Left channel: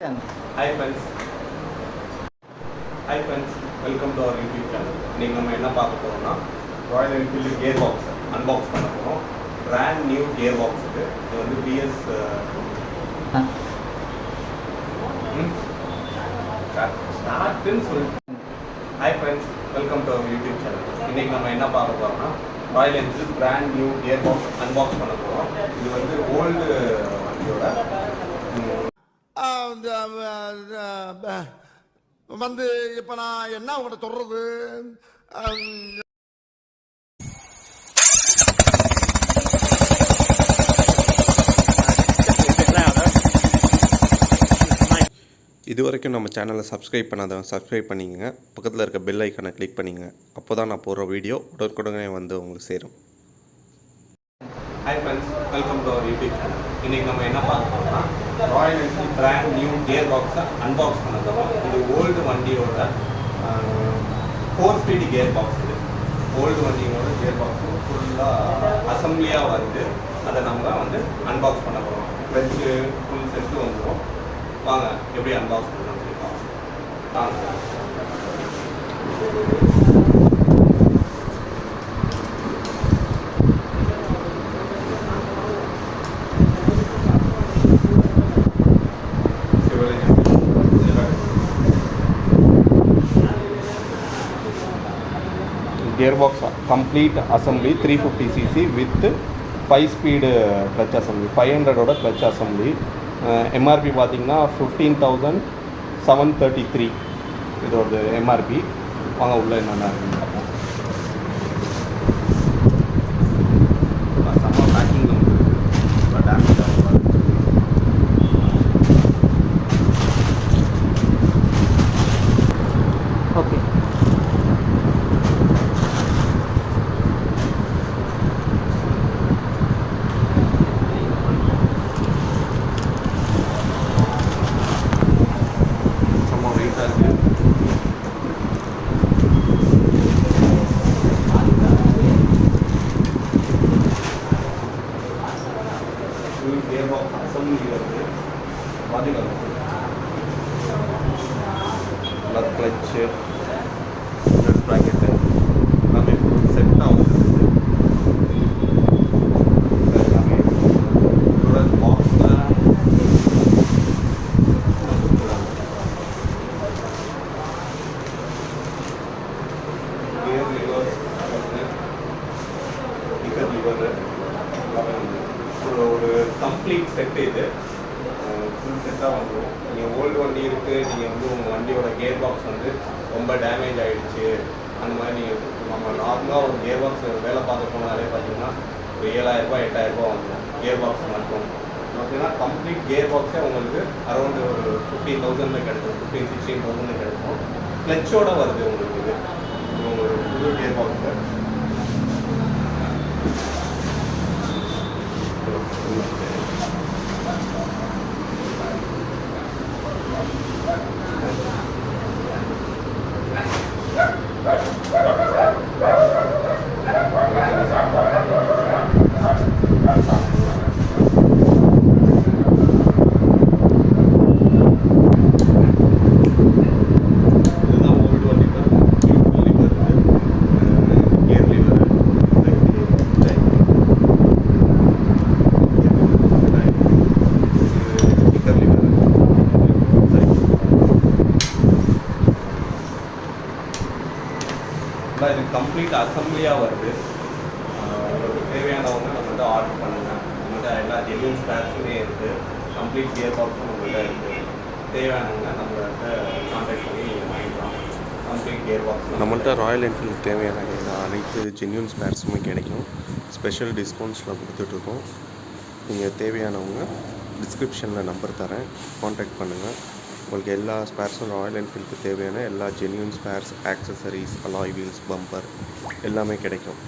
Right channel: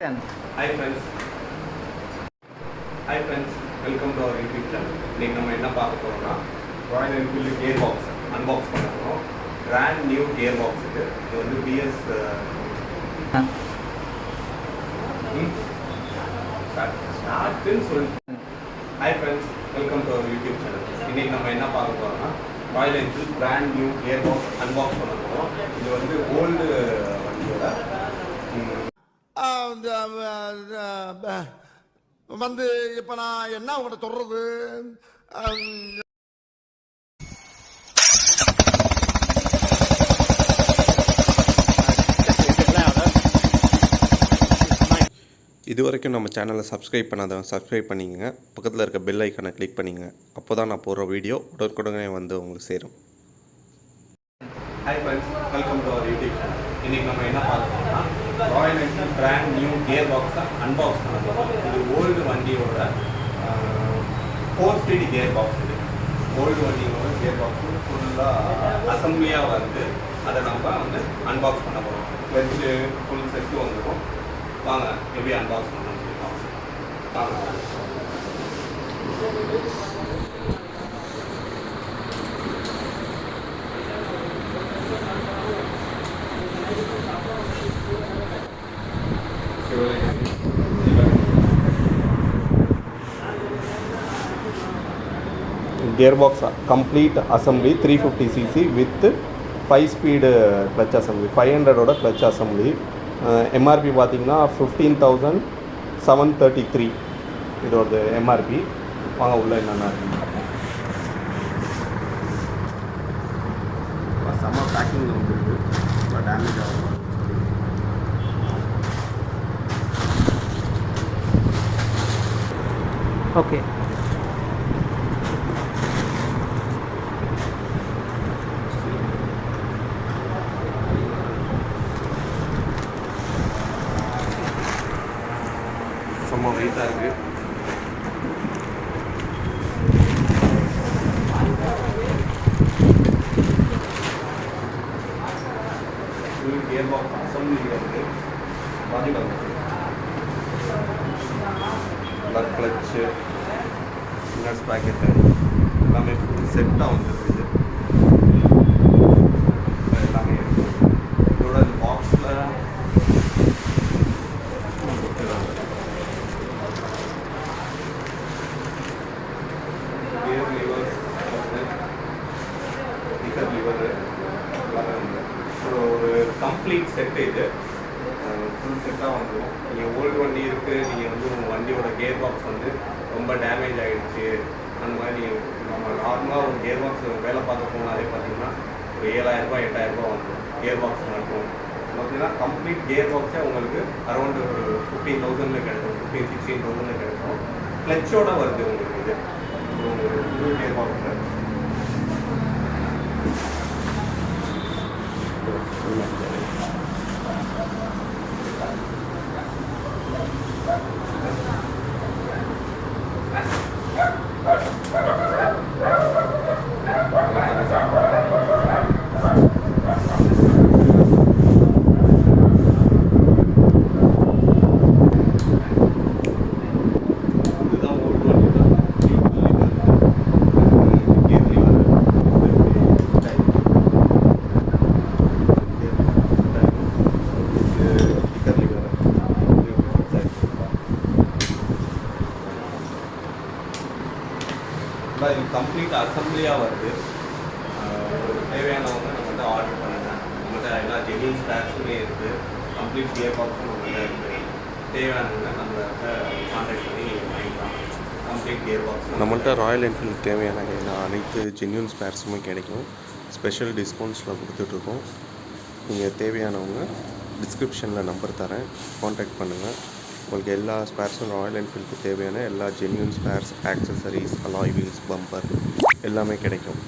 Hi friends. Hi friends. Welcome to our YouTube channel. இன்னைக்கு நம்ம என்ன பார்க்க போறோம்னா Royal Enfield gear box unbox பண்ண போறோம். பிராண்ட் நியூ கியர் பாக்ஸ் இது வந்து BS ஸ்டார்ட்னு சொல்லி. Hi friends. Welcome to our YouTube channel. இன்னைக்கு நம்ம என்ன பார்க்க போறோம்னா Royal Enfield brand new gear box unbox பண்ண போறோம். இது வந்து ஓல்டு வண்டியோட வந்து இப்ப நான் என்ன உங்கள்கிட்ட சொல்றது. இது வரைக்கும் நம்ம சேனலை சப்ஸ்கிரைப் பண்ணாதவங்க சப்ஸ்கிரைப் பண்ணிக்கங்க. பக்கத்தில் இருக்க பெல் ஐக்கானை கிளிக் பண்ணிங்க. அப்போ தான் நான் போடுற வீடியோ உடனுக்குடனே வந்து உங்களுக்கு சேரும். Hi friends, welcome to our YouTube channel. இன்றைக்கி நம்ம என்ன பார்க்க போகிறோம்னா Royal Enfield brand new gear பாக்ஸை அன்பாக்ஸ் பண்ண போகிறோம். இது ஓல்டு வண்டியோட 4 ஸ்பீடு கியர் பாக்ஸ். இது ஓல்டு வண்டியோட கியர் பாக்ஸ் ஃபுல்லாக அசம்பிளியாக வந்து அதை நம்ம வந்து அன்பாக்ஸ் பண்ண போகிறோம். வெச்சு ஃபுல் செட்டு வந்துடும். வாங்க எப்படி அன்பாக்ஸ் பண்ணுறோம்னு சொல்லி வாங்க. Gearbox complete assembly 350cc with 5 speed clutch assembly, 500 oda clutch assembly. MRP பார்த்தீங்கன்னா 15,733 இதோட MRP. வாங்க உள்ள என்னென்ன இருக்குன்னு பார்ப்போம். செம்ம பேக்கிங் நமக்கு இருக்குது, டேமேஜ் ஆகும். ஓகே, வெயிட்டாக இருக்குது. கியர் பாக்ஸ் அசம்பிளி வந்து பாதிக்காது. நட் கிளச்சு, நட் ப்ராக்கெட்டு எல்லாமே செட்டாக வந்து எல்லாமே இதோட பாக்ஸில் ஒரு கம்ப்ளீட் செட்டு. இது ஃபுல் செட்டாக வந்துடும். நீங்கள் ஓல்டு வண்டி இருக்குது, நீங்கள் வந்து உங்கள் வண்டியோட கியர் பாக்ஸ் வந்து ரொம்ப டேமேஜ் ஆகிடுச்சு, அந்த மாதிரி நீங்கள் நம்ம நார்மலாக ஒரு கியர் பாக்ஸ் வேலை பார்க்க போனாலே பார்த்தீங்கன்னா ஒரு 7,000 8,000 வந்துடும் கியர் பாக்ஸ் மட்டும். பார்த்தீங்கன்னா கம்ப்ளீட் கியர் பாக்ஸே உங்களுக்கு அரௌண்டு ஒரு 15,000 கிடைக்கும், 15-16,000 கிடைக்கும். கிளச்சோட வருது உங்களுக்கு. இது ஒரு புது கியர் பாக்ஸு. இது கம்ப்ளீட் அசம்பிளியாக வருது. உங்களுக்கு தேவையானவங்க நம்மகிட்ட ஆர்டர் பண்ணுங்கள். நம்மகிட்ட எல்லா ஜெனியூன் ஸ்டாக்ஸுமே இருக்குது. கம்ப்ளீட் கியர் பாக்ஸும் நம்மகிட்ட இருக்குது. தேவையானவங்க நம்மகிட்ட கான்டாக்ட் பண்ணி நீங்கள் வாங்கிக்கலாம். கம்ப்ளீட் கியர் பாக்ஸ் நம்மள்கிட்ட ராயல் என்ஃபீல்டு தேவையான அனைத்து ஜென்யூன் ஸ்பேர்ஸுமே கிடைக்கும். ஸ்பெஷல் டிஸ்கவுண்ட்ஸில் கொடுத்துட்ருக்கோம். நீங்கள் தேவையானவங்க டிஸ்கிரிப்ஷனில் நம்பர் தரேன், கான்டாக்ட் பண்ணுங்கள். உங்களுக்கு எல்லா ஸ்பேர்ஸும் ராயல் என்ஃபீல்டுக்கு தேவையான எல்லா genuine spares, accessories, alloy wheels, bumper எல்லாமே கிடைக்கும்.